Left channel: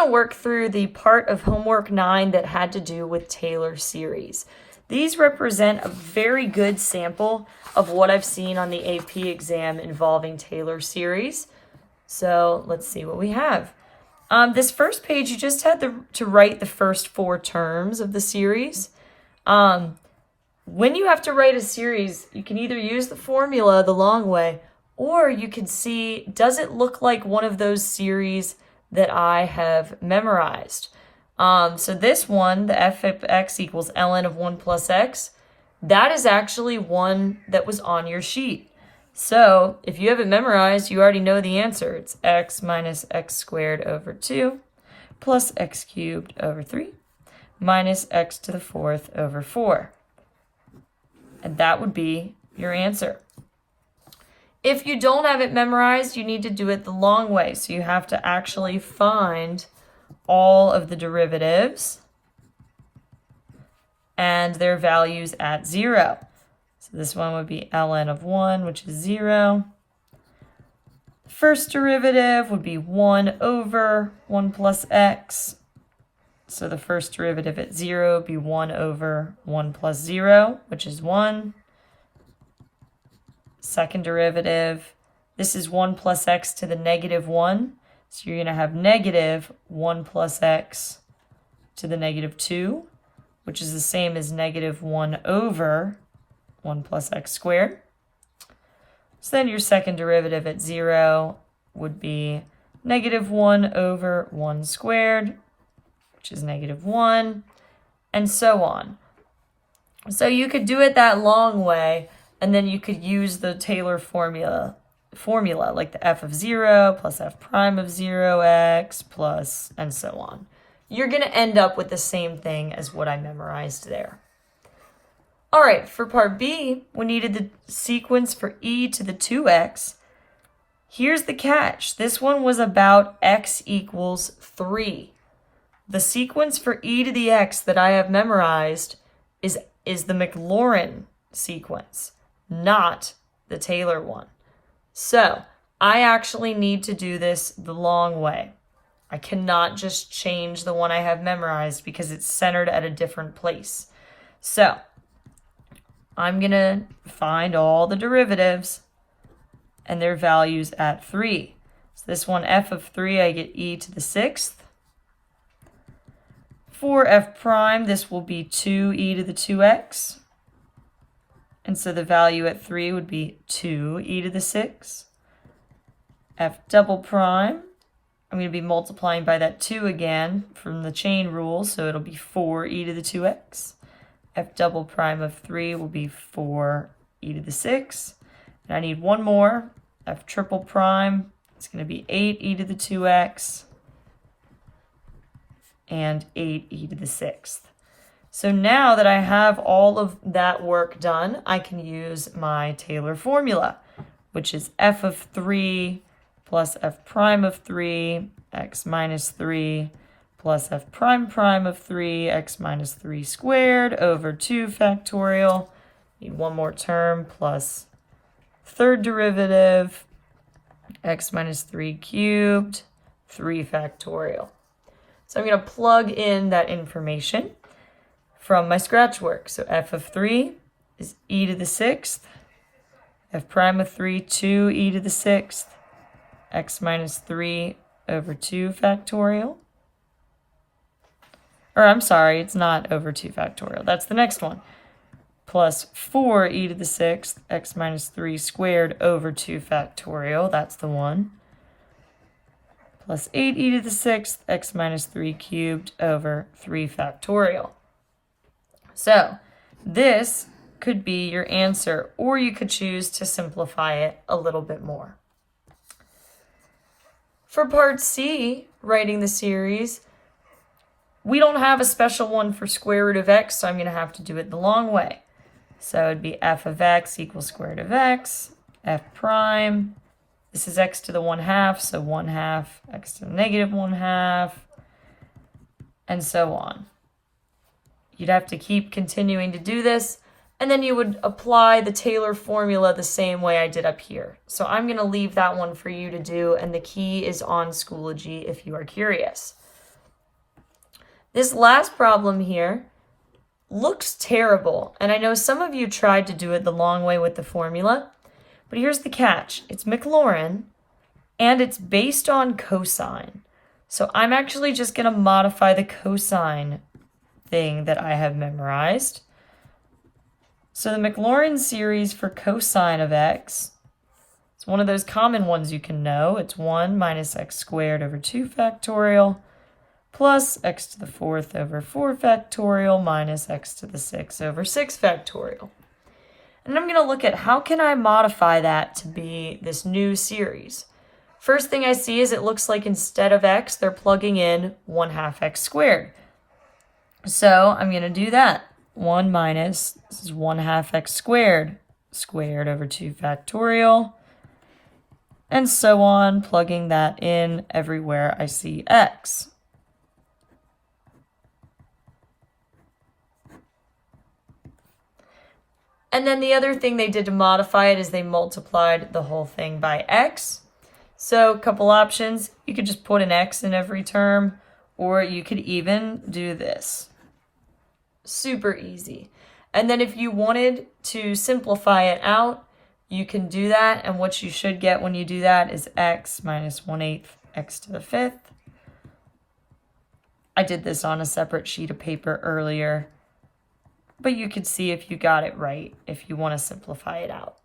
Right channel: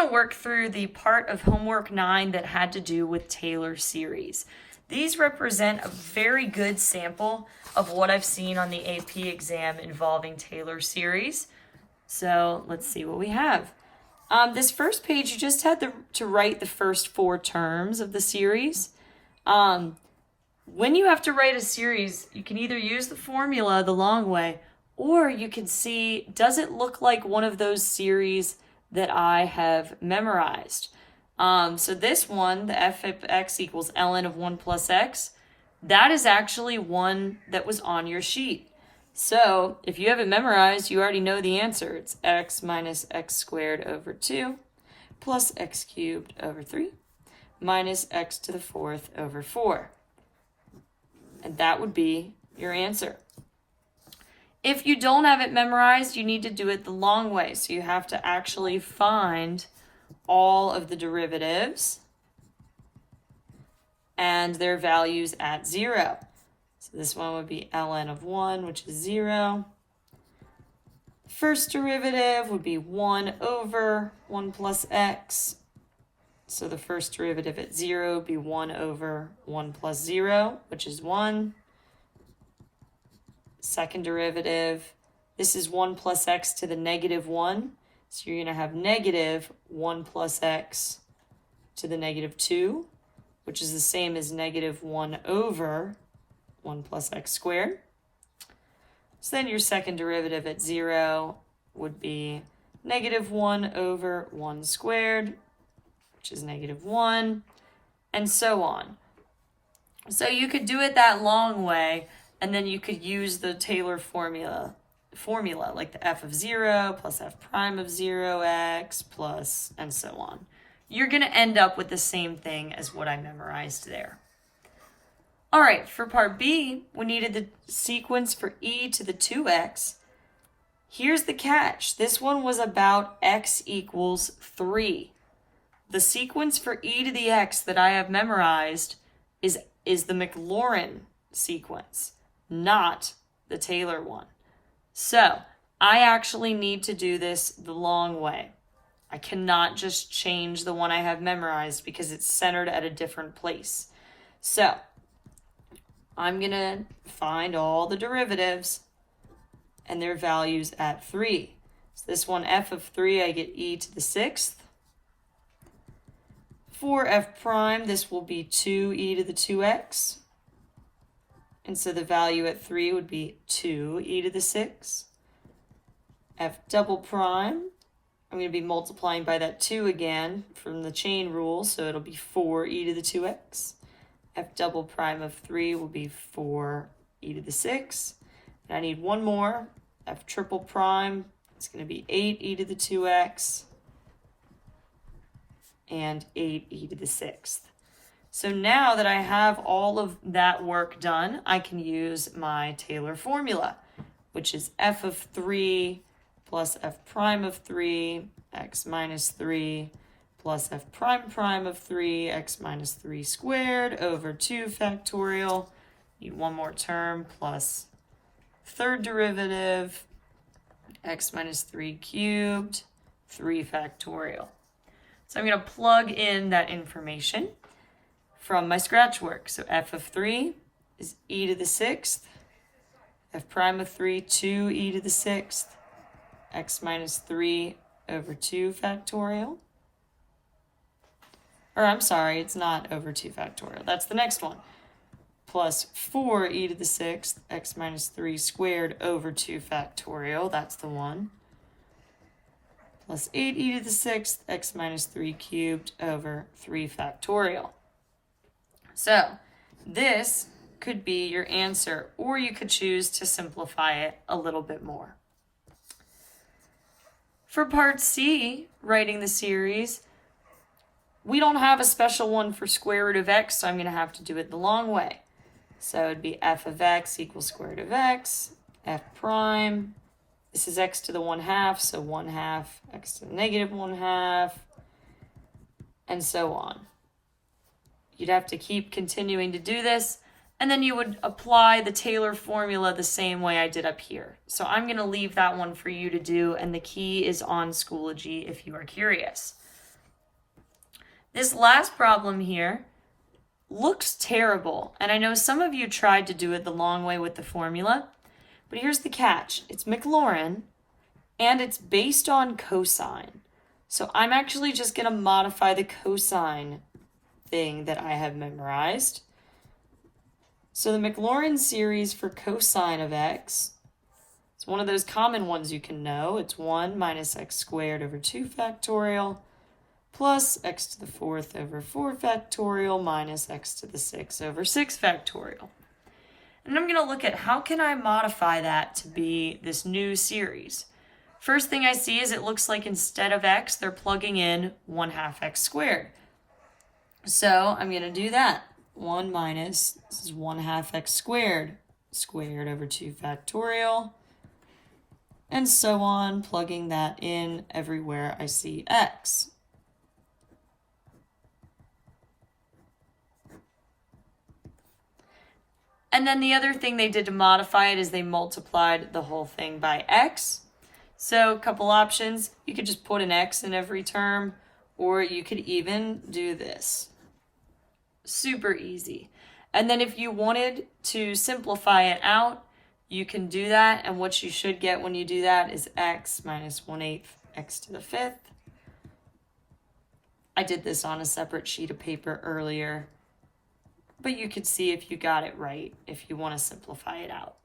going to work through the part of homework 9 that had to do with Taylor series. These represent a very good sample of what I've seen on the AP exam involving Taylor series. So let's see what we have. This first page, you just had to write the first 4 terms of the series. When you have to write a series, you can either use the formula the long way, or you can see, does it look like one of those series that I have memorized? So this one, the f of x equals ln of 1 plus x, that is actually one that was on your sheet. So if you have it memorized, you already know the answer. It's x minus x squared over 2 plus x cubed over 3 minus x to the 4th over 4. And that would be your answer. If you don't have it memorized, you need to do it the long way. So you have to actually find all of the derivatives and their values at 0. So this one would be ln of 1, which is 0. First derivative would be 1 over 1 plus x. So the first derivative at 0 would be 1 over 1 plus 0, which is 1. Second derivative, this is 1 plus x to the negative 1. So you're going to have negative 1 plus x to the negative 2, which is the same as negative 1 over 1 plus x squared. So then your second derivative at 0 would be negative 1 over 1 squared, which is negative 1, and so on. So you could do it that long way, and then you could use the Taylor formula like the f of 0 plus f prime of 0x plus, and so on. You're going to end up with the same thing as what I memorized there. All right, for part B, we needed the sequence for e to the 2x. Here's the catch. This one was about x equals 3. The sequence for e to the x that I have memorized is the Maclaurin sequence, not the Taylor one. So I actually need to do this the long way. I cannot just change the one I have memorized because it's centered at a different place. So I'm going to find all the derivatives and their values at 3. So this one, f of 3, I get e to the 6th. For f prime, this will be 2e to the 2x. And so the value at 3 would be 2e to the 6. F double prime, I'm going to be multiplying by that 2 again from the chain rule, so it'll be 4e to the 2x. F double prime of 3 will be 4e to the 6. And I need one more, f triple prime, it's going to be 8e to the 2x and 8e to the 6th. So now that I have all of that work done, I can use my Taylor formula, which is f of 3 plus f prime of 3, x minus 3, plus f prime prime of 3, x minus 3 squared over 2 factorial. Need one more term plus third derivative, x minus 3 cubed, 3 factorial. So I'm going to plug in that information from my scratch work. So f of 3 is e to the 6th, f prime of 3, 2e to the 6th, x minus 3 over 2 factorial. Or I'm sorry, it's not over 2 factorial. That's the next one. Plus 4e to the 6th, x minus 3 squared over 2 factorial. That's the one. Plus 8e to the 6th, x minus 3 cubed over 3 factorial. So this could be your answer, or you could choose to simplify it a little bit more. For part C, writing the series, we don't have a special one for square root of x, so I'm going to have to do it the long way. So it would be f of x equals square root of x, f prime. This is x to the 1/2, so 1/2, x to the negative 1/2, and so on. You'd have to keep continuing to do this, and then you would apply the Taylor formula the same way I did up here. So I'm going to leave that one for you to do, and the key is on Schoology if you are curious. This last problem here looks terrible, and I know some of you tried to do it the long way with the formula, but here's the catch. It's Maclaurin, and it's based on cosine. So I'm actually just going to modify the cosine thing that I have memorized. So the Maclaurin series for cosine of x, it's one of those common ones you can know. It's 1 minus x squared over 2 factorial plus x to the 4th over 4 factorial minus x to the 6th over 6 factorial. And I'm going to look at how can I modify that to be this new series. First thing I see is it looks like instead of x, they're plugging in 1/2 x squared. So I'm going to do that. 1 minus, this is 1/2 x squared, squared over 2 factorial, and so on, plugging that in everywhere I see x. And then the other thing they did to modify it is they multiplied the whole thing by x. So a couple options. You could just put an x in every term, or you could even do this. Super easy. And then if you wanted to simplify it out, you can do that. And what you should get when you do that is x minus 1/8 x to the 5th. I did this on a separate sheet of paper earlier, but you could see if you got it right if you want to simplify it out.